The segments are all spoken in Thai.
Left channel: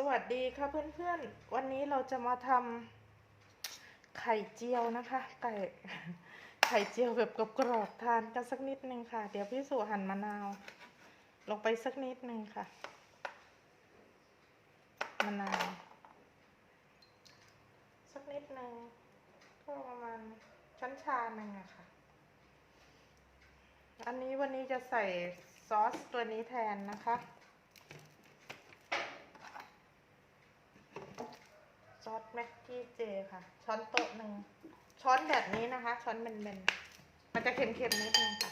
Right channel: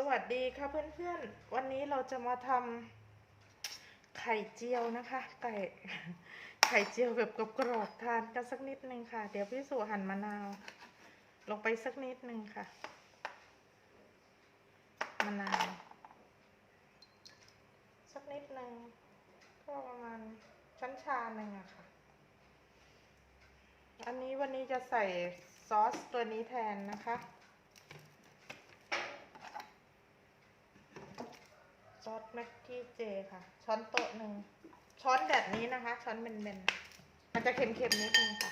สวัสดีค่ะเพื่อนๆ วันนี้เราจะมาทำไข่เจียวนะคะ ไก่ไข่เจียวแบบกรอบๆทานกันสักนิดนึงค่ะ เดี๋ยวพี่สุหั่นมะนาว ลงไปสักนิดนึงค่ะมะนาวสักนิดนึงก็ประมาณช้อนชาหนึ่งอะค่ะ อันนี้วันนี้จะใส่ซอสตัวนี้แทนนะคะ ซอสแม็กกี้เจค่ะ ช้อนโต๊ะหนึ่ง ช้อนแบบนี้นะคะ ช้อนเบนๆ มันจะเค็มๆนิดนึงค่ะ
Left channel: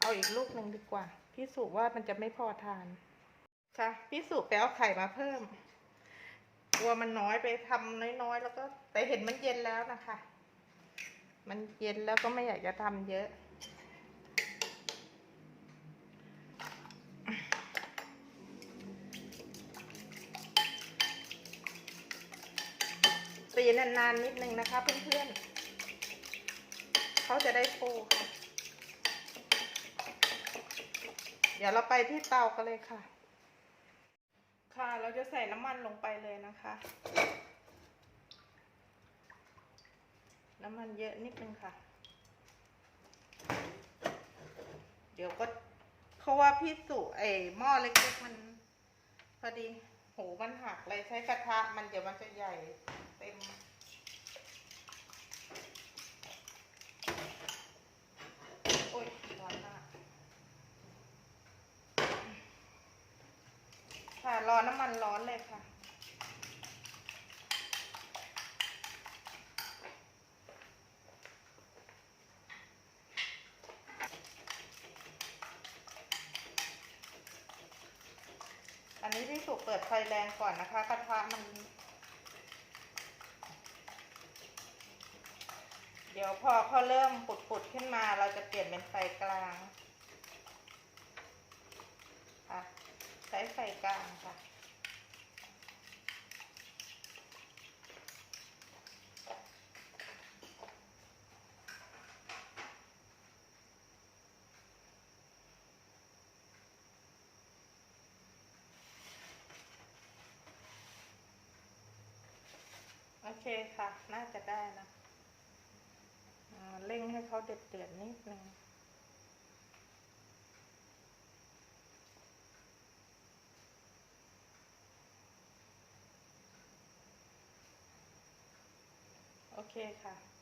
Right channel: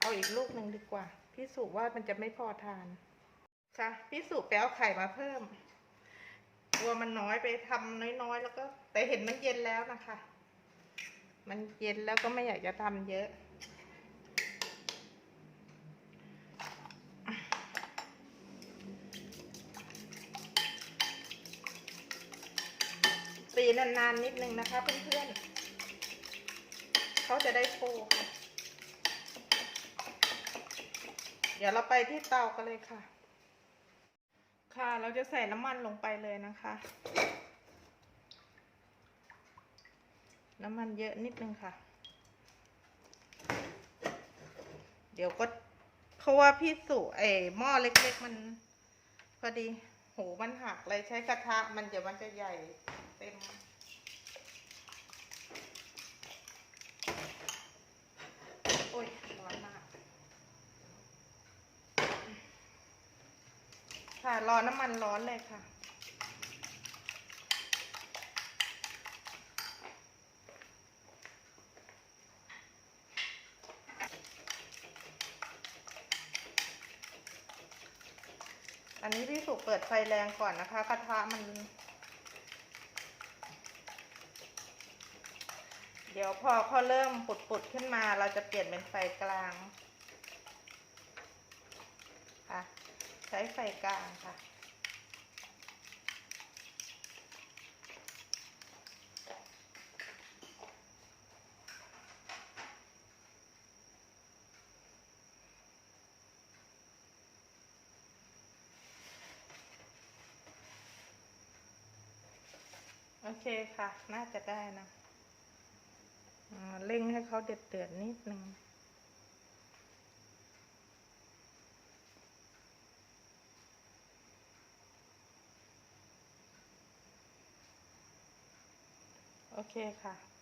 เอาอีกลูกหนึ่งดีกว่า พี่สุว่ามันจะไม่พอทานค่ะพี่สุไปเอาไข่มาเพิ่มกลัวมันน้อยไปทำน้อยๆ แล้วก็แต่เห็นมันเย็นแล้วนะคะ มันเย็นแล้วก็ไม่อยากจะทำเยอะ ตีนาน ๆ นิดนึงนะคะเพื่อนๆเขาจะได้ฟูค่ะ เดี๋ยวเราไปที่เตากันเลยค่ะ ค่ะเราจะใส่น้ำมันลงไปเลยนะคะ น้ำมันเยอะนิดนึงค่ะ เดี๋ยวก็เพราะว่าพี่สุไอหม้อเล็กๆมันพอดีหูมันหักเลยใช้กระทะมันเดี๋ยวมันจะใหญ่ ต็มโอ้ยร้อนมากค่ะรอน้ำมันร้อนเลยค่ะอันนี้พี่สุเปิดไฟแรงก่อนนะคะ กระทะมัน ดี๋ยวพอเขาเริ่มปุดๆขึ้นมาเราจะเปลี่ยนเป็นไฟกลางค่ะใช้ไฟกลางค่ะโอเคค่ะ น่าจะได้นะ เขาเดือดเดือดๆนิดนึงโอเคค่ะ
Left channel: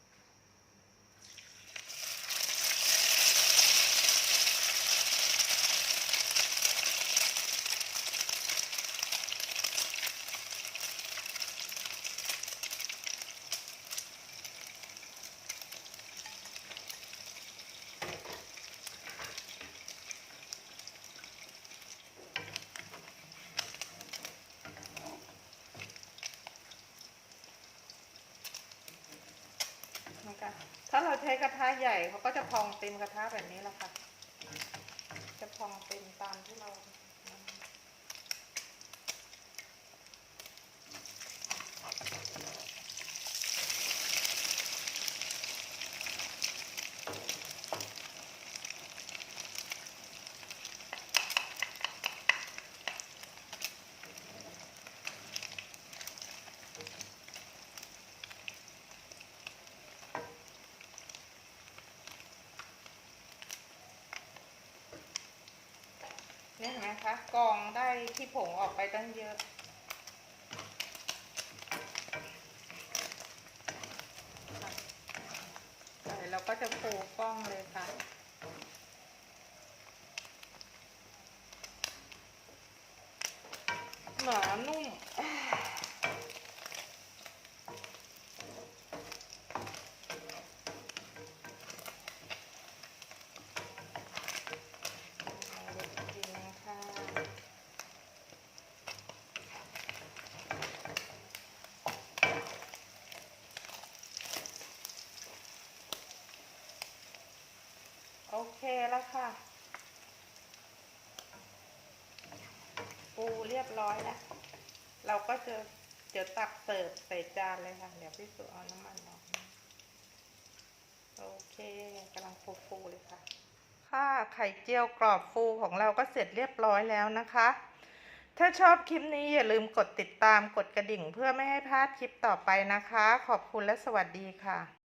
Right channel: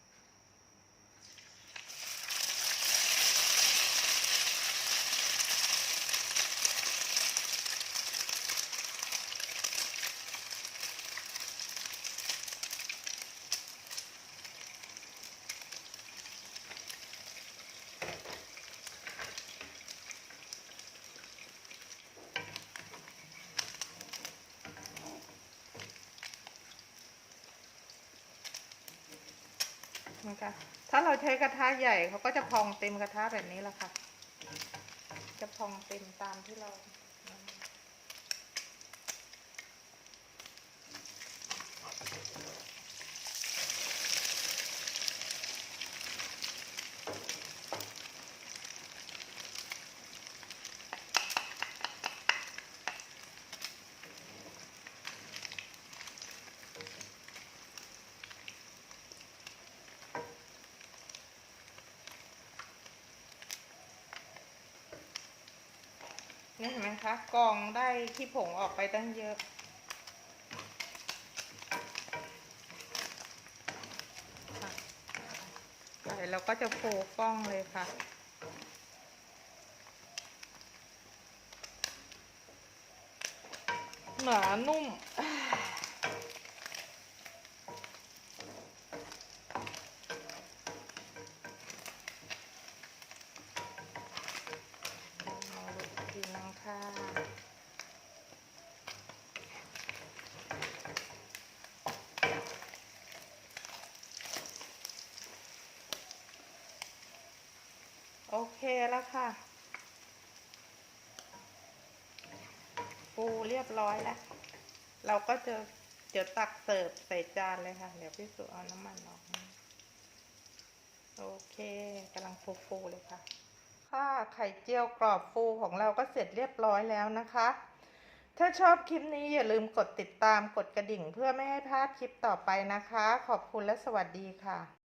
หมือนกันถ้าเราใช้กระทะใหญ่เขาก็จะพองเต็มกระทะแบบนี้แหละค่ะ จะพองเต็มตามที่เรา นี่เห็นไหมคะกองได้ที่ผงออกไปตั้งเยอะเดี๋ยวเราก็จะโฟกล้องเลยค่ะหนานุ่ม เคแล้วค่ะ ปูเรียบร้อยแล้ว เราก็จะเดี๋ยวตักเสิร์ฟใส่จานเลยค่ะ เดี๋ยวพี่สุเอาน้ำมันออกโอเคกำลังฟูๆเลยค่ะ ค่ะไข่เจียวกรอบฟูของเราก็เสร็จเรียบร้อยแล้วนะคะ ถ้าชอบคลิปนี้อย่าลืมกดติดตามกดกระดิ่งเพื่อไม่ให้พลาดคลิปต่อไปนะคะ ขอบคุณและสวัสดีค่ะ